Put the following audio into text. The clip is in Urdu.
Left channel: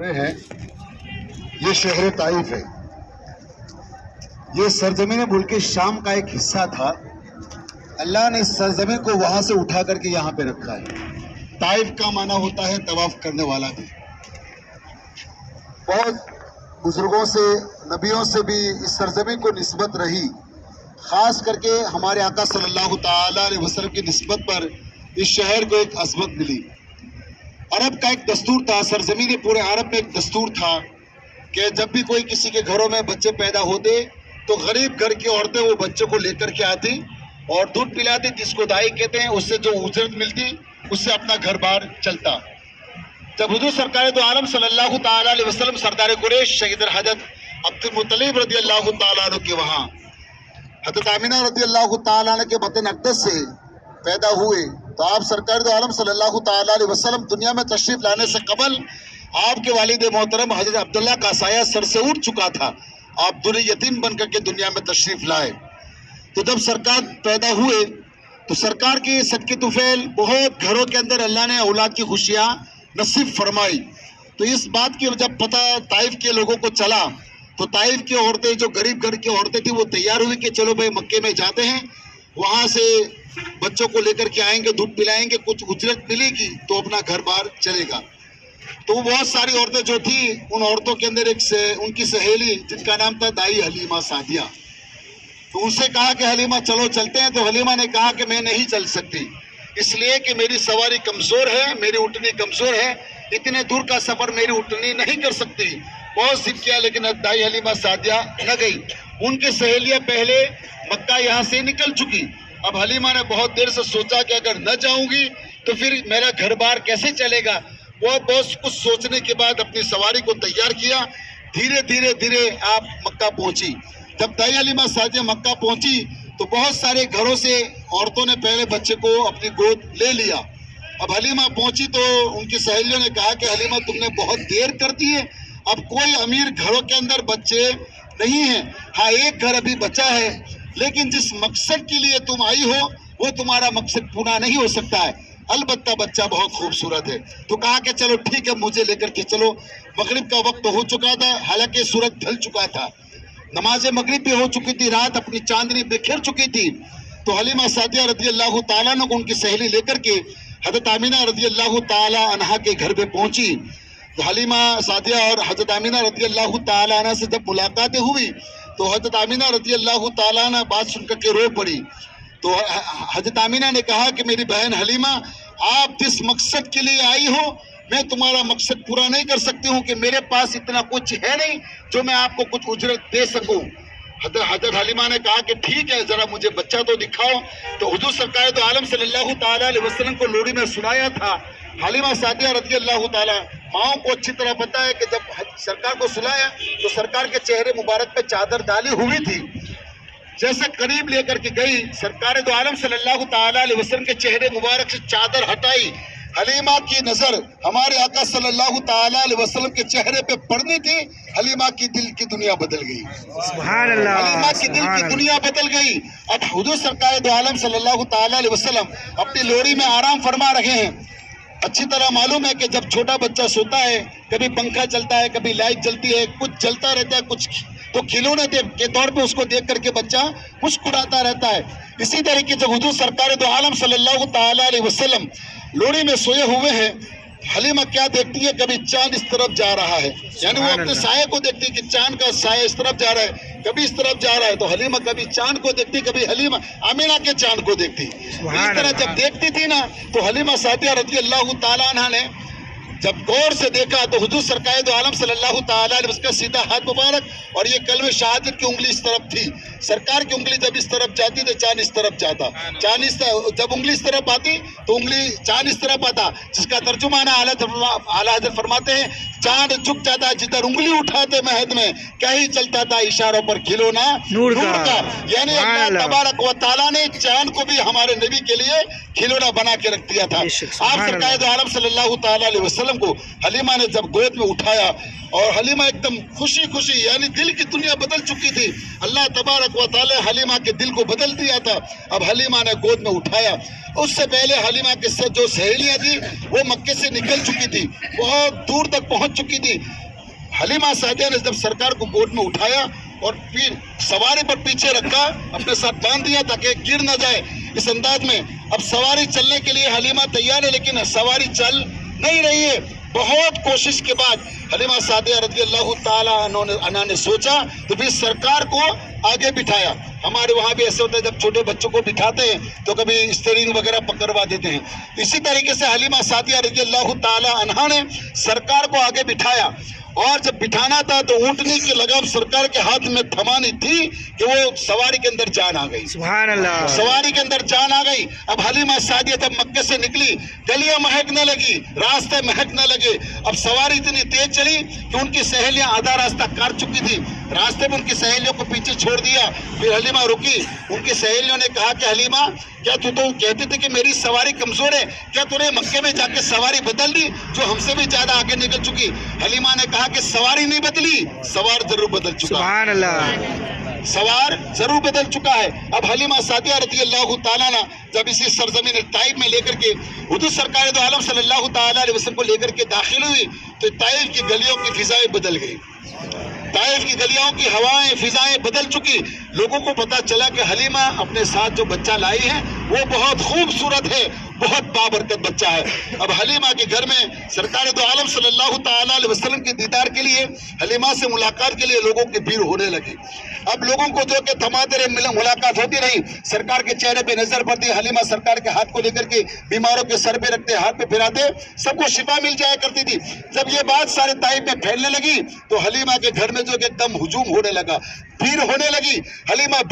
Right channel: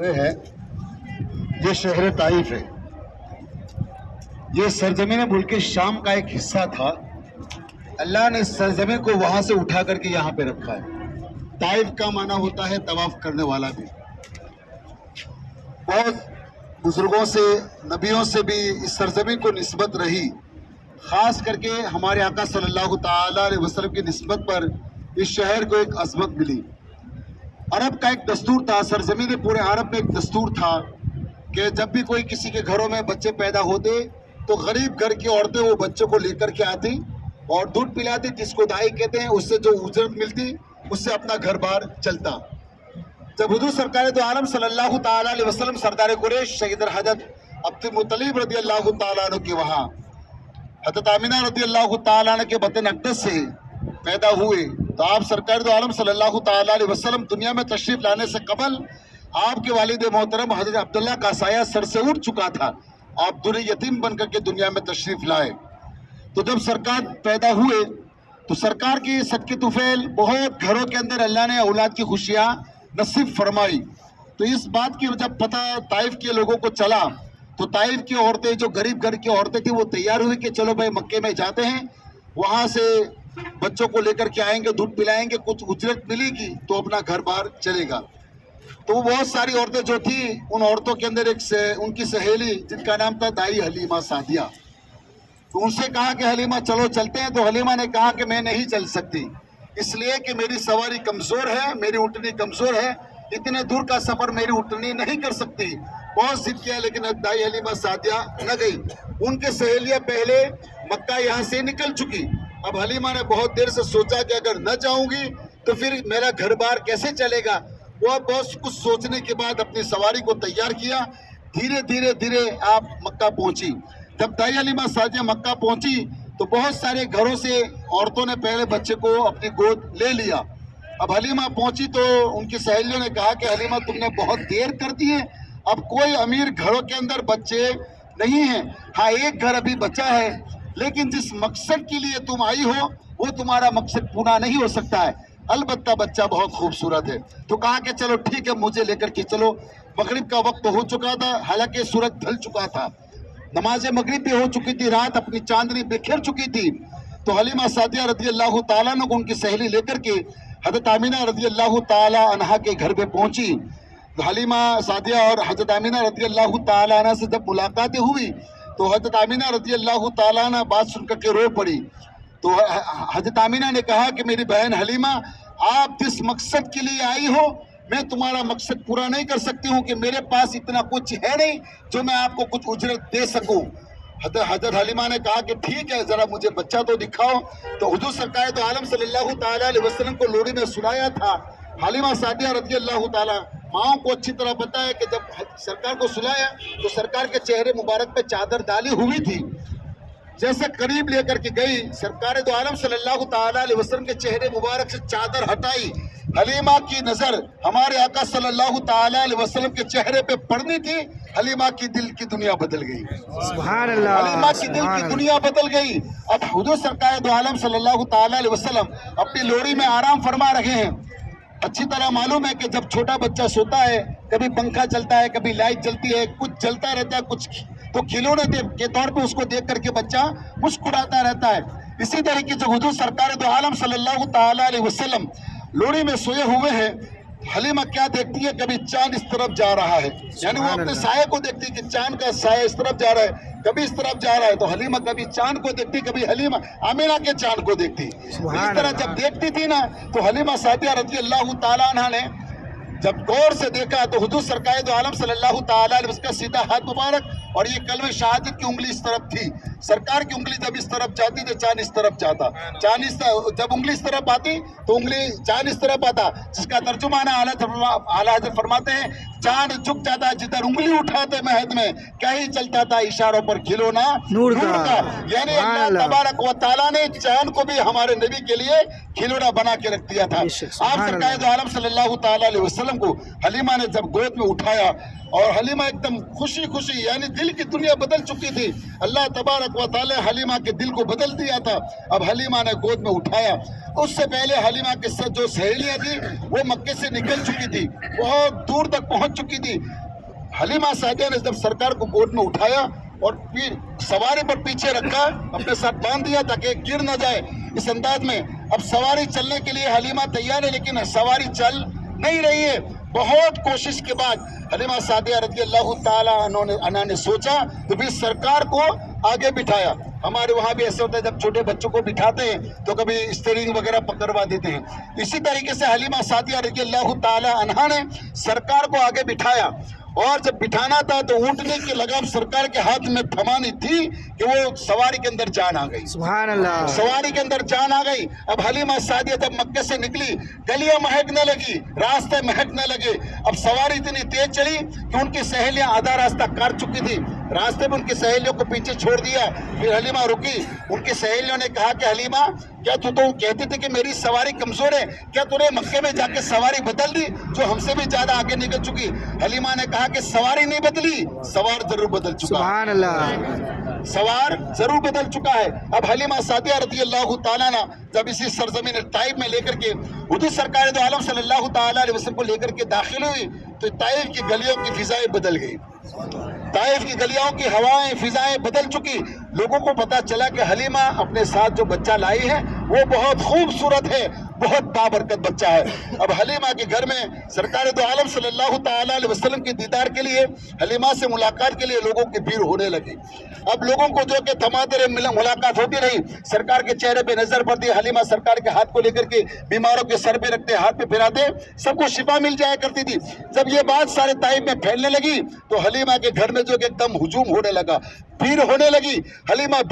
ہے یہ شہر طائف ہے. یہ سرزمین ملک شام کا ایک حصہ تھا. اللہ نے اس سرزمین کو وہاں سے اٹھا کر کے یہاں پہ رکھا ہے. طائف کا معنی ہوتا ہے طواف کرنے والا بھی. بہت بزرگوں سے نبیوں سے بھی اس سرزمین کو نسبت رہی. خاص کر کے ہمارے آقا صلی اللہ تعالی علیہ وسلم کی نسبت پر اس شہر کو ایک عظمت ملی. عرب کا ایک دستور تھا, سرزمین پورے عرب میں ایک دستور تھا کہ جب بھی کوئی کسی کے گھروں میں بچے پیدا ہوتے تو غریب گھر کی عورتیں وہ بچوں کو لے کر کے آتی اور دودھ پلاتی, جس کو دائی کہتے ہیں. اس سے جو اجرت ملتی اس سے اپنا گھر بار چلتا. جب حضور سرکار دو عالم صلی اللہ تعالی علیہ وسلم سردار قریش شہید حضرت عبد المطلب رضی اللہ تعالیٰ عنہ کے وہاں حضرت آمینہ رضی اللہ تعالیٰ عنہ کے بطن اقدس سے پیدا ہوئے تو آپ سرکار دو عالم صلی اللہ تعالی علیہ وسلم دنیا میں تشریف لانے سے قبل آپ کے والد محترم حضرت عبداللہ کا سایہ سر سے اٹھ چکا تھا. آپ در یتیم بن کر کے دنیا میں تشریف لائے. تو جب سرکار پیدا ہوئے تو سرکار کی صدقے طفیل بہت گھروں کے اندر اللہ نے اولاد کی خوشیاں نصیب فرمائی. تو اس بات کی جب پتہ طائف کے لوگوں کو چلا تو طائف کی عورتیں, جو غریب گھر کی عورتیں تھیں, وہ تیار ہوئی کہ چلو بھائی مکے میں جاتے ہیں, وہاں سے بچوں کو لے کر کے آئیں گے, دودھ پلائیں گے, کچھ اجرت ملے گی تو اپنا گھر بار چلے گا. تو وہ بہت ساری عورتیں جو تھیں, ان عورتوں کے اندر ان کی سہیلی جن کا نام تھا دائی حلیمہ سعدیہ. تو ان سے کہا کہ حلیمہ چلو چلتے ہیں. تو حلیمہ نے کہا کہ میں نہیں چل سکتی, اس لیے کہ میری سواری کمزور ہے, میری اونٹنی کمزور ہے, اتنے دور کا سفر میری اونٹنی نہیں کر سکتی. بہت ضد کیا لیکن دائی حلیمہ سعدیہ نہ گئی. ان کے سہیلیاں پہلے مکہ یہاں سے نکل چکی. اب حلیمہ نے بہت دیر سے سوچا کہ اگر نہ جاؤں گی تو پھر میرا گھر بار کیسے چلے گا. وہ بہت کچھ سوچنے کے بعد اپنی سواری کو تیار کیا. دھیرے دھیرے آپ مکہ پہنچی. جب دائی حلیمہ سعدیہ مکہ پہنچی تو بہت سارے گھروں سے عورتوں نے پہلے بچے کو اپنی گود لے لیا. اب حلیمہ پہنچی تو ان کی سہیلیوں نے کہا کہ حلیمہ تم نے بہت دیر کر دی ہے, اب کوئی امیر گھروں کے اندر بچے نہیں ہیں. ہاں ایک گھر ابھی بچا ہے, لیکن جس مقصد کے لیے تم آئی ہو وہ تمہارا مقصد پورا نہیں ہو سکتا ہے, البتہ بچہ بہت خوبصورت ہے. تو کہا کہ چلو ٹھیک ہے, مجھے لے کر کے چلو. مغرب کا وقت ہو چکا تھا, حالانکہ سورج ڈھل چکا تھا, نماز مغرب بھی ہو چکی تھی, رات اپنی چاندنی بکھیر چکی تھی. تو حلیمہ سعدیہ رضی اللہ تعالیٰ عنہ کو ان کی سہیلی لے کر کے حضرت آمینہ رضی اللہ تعالیٰ عنہ کے گھر پہ پہنچی. تو حلیمہ سعدیہ اور حضرت آمینہ رضی اللہ تعالیٰ عنہ سے جب ملاقاتیں ہوئی تو حضرت آمینہ رضی اللہ تعالیٰ عنہ بات سن کر کے رو پڑی. تو حضرت آمینہ نے کہا کہ میری بہن حلیمہ, آپ جس مقصد کے لیے آئی ہو میں تمہارا مقصد پورا نہیں کر سکتی ہوں, کہ میرے پاس اتنا کچھ ہے نہیں جو میں آپ کو کچھ اجرت دے سکوں. حضرت حلیمہ نے کہا کہ ٹھیک ہے, ذرا مجھے بچہ تو دکھاؤ. تو حضور سرکار دو عالم صلی اللہ تعالیٰ علیہ وسلم کو لوری میں سنایا تھا. حلیمہ سعدیہ رضی اللہ تعالیٰ, ماؤں کو اچھی طرح پتہ ہے کہ جب سرکار کو سلایا تو سرکار کے چہرے مبارک پہ چادر ڈالی ہوئی تھی. جیسے قریب لے کر کے گئی, سرکار دو عالم صلی اللہ تعالیٰ علیہ وسلم کے چہرے مبارک سے چادر ہٹائی. حلیمہ کی نظر ہمارے آقا صلی اللہ تعالیٰ علیہ وسلم کے چہرے پہ پڑنی تھی. حلیمہ کی دل کی دنیا بدل گئی. سبحان اللہ, حلیمہ کی دل کی دنیا بدل گئی. اب حضور سرکار دو عالم صلی اللہ تعالیٰ علیہ وسلم اپنی لوری میں آرام فرما رہے ہیں. اچھی طرح معلوم ہے کہ جب چھوٹا بچہ سوتا ہے, کبھی پنکھا چلتا ہے, کبھی لائٹ جلتی ہے, کچھ چلتا رہتا ہے, کچھ تو کھلونے کے طور پہ اس کو دیکھ کر کے بچہ مسکراتا رہتا ہے. اسی طریقے سے حضور سرکار دو عالم صلی اللہ تعالیٰ علیہ وسلم لوری میں سوئے ہوئے ہیں. حلیمہ کیا دیکھتی ہے, کبھی چاند اس طرف جا رہا ہے, یعنی وہ اپنے سائے کو دیکھتی کہ چاند کا سایہ اس طرف جا رہا ہے, کبھی اس طرف جا رہا ہے. تو حلیمہ کبھی چاند کو دیکھتی, کبھی حلیمہ آمینہ کے چاند کو دیکھتی. اس طرح جب دیکھتی تھی نا تو حلیمہ سعدیہ رضی اللہ تعالیٰ عنہ نے جب غور سے دیکھا تو حضور سرکار دو عالم صلی اللہ تعالیٰ علیہ وسلم کا سیدھا ہاتھ مبارک اور یہ کلمہ شہادت کی انگلی اس طرف تھی. سرکار کی انگلی جب اس طرف جاتی تو چاند اس طرف جاتا, جب انگلی اس طرف آتی تو انگلی چاند اس طرف آتا, جس کا ترجمہ اعلیٰ حضرت فرماتے ہیں چاند جھک جاتا جدھر انگلی اٹھاتے مہد میں, کہیں چلتا تھا اشاروں پر کھلونا نور کا. یعنی اللہ تبارک و تعالیٰ نے چاند کو بھی ہمارے نبی کے لیے کھلونا بنا کے رکھ دیا تھا. آپ سرکار دو عالم صلی اللہ تعالیٰ علیہ وسلم کو حلیمہ نے جب گود میں اٹھایا اور حلیمہ ایک دم خوشی خوشی یعنی دل کی دنیا بدل چکی تھی. اللہ تبارک و تعالی حلیمہ کے دل کو بدل دیا تھا. اب حلیمہ نے گود میں اٹھایا. اس سے پہلے حلیمہ کے ساتھ جو سہیلیاں تھیں وہ مکے سے نکل چکی تھی, بہت دور تک پہنچ چکی تھی. حلیمہ سعدیہ نے جب سرکار کو گود میں اٹھایا اور سواری پر پیچھے رکھا, اپنے ساتھ باندھ دیا تاکہ گر نہ جائے. اس انداز میں اب سواری چلنے کے لیے حلیمہ تیار ہے, لیکن سواری چل نہیں رہی ہے. بہت کوشش کے بعد حلیمہ سعدیہ رضی اللہ تعالیٰ عنہ نے سوچا تو پھر سرکار کو آگے بٹھایا. ہمارے وہاں بھی ایسے ہوتا ہے, جب چھوٹے بچوں کو بٹھاتے ہیں تو کبھی اسٹیئرنگ وغیرہ پکڑوا دیتے ہیں. اسی طریقے سے حلیمہ سعدیہ رضی اللہ تعالیٰ عنہ نے سرکار کو آگے بٹھایا, اور جب بٹھانا تھا تو اونٹنے کی لگام سرکار کے ہاتھ میں تھمانی تھی کہ وہ سواری کے اندر جان آ گئی. سبحان اللہ. سواری کے اندر جان آ گئی. اب حلیمہ سعدیہ جب مکے سے نکلی, گلیاں مہکنے لگی, راستے مہکنے لگے. اب سواری اتنی تیز چلی کہ ان کی سہیلیاں آدھا راستہ کاٹ چکی تھی. راستے میں ان کی سہیلیوں کو پیچھے چھوڑ دیا. پھر حلیمہ رکی. ان کی سہیلیوں نے کہا کہ حلیمہ, کیا تو کہتی تھی کہ میری سواری کمزور ہے, کیا تو نے مکے میں جا کے سواری بدل دی جو ہم سے بھی زیادہ آگے نکل چکی؟ حلیمہ نے کہا کہ سواری نہیں بدلی, سوار ضرور بدل چکا. سبحان اللہ. سوار ضرور بدل چکا ہے. اب حلیمہ سعدیہ رضی اللہ تعالیٰ عنہ جب اسی سرزمین طائف میں لے کر کے حضور سرکار دو عالم صلی اللہ تعالیٰ علیہ وسلم کو لے کر کے داخل ہوئی تو طائف کی گلیوں کی فضائیں بدل گئی. طائف کی گلیوں کی ہوائیں فضائیں بدل چکی. لوگوں کو پتا چلا کہ حلیمہ اپنے ساتھ جو بچہ لائی ہے وہ بہت خوبصورت ہے, بہت بابرکت بچہ ہے. اب حلیمہ کے گھر میں سرکار دو عالم صلی اللہ تعالیٰ علیہ وسلم کے دیدار کے لیے, حلیمہ سے ملاقات کے لیے لوگوں کی بھیڑ ہونے لگی. اب لوگوں کو جو کہ تمادر ملاقات ہوتی رہی, سرکار کے چہرے پہ نظر پڑتی. حلیمہ سرکار کے ہاتھ کو لے کر کے بیماروں کے سر پہ رکھتے, ہاتھ پہ پھراتے, سب کو شفا مل جایا کرتی تھی. جب یہ بات سارے طائف میں پھیلنے لگی تو حلیمہ کے گھر میں جو کہ ایک دم ہجوم ہونے لگا, بھیڑ ہونے لگی. حلیمہ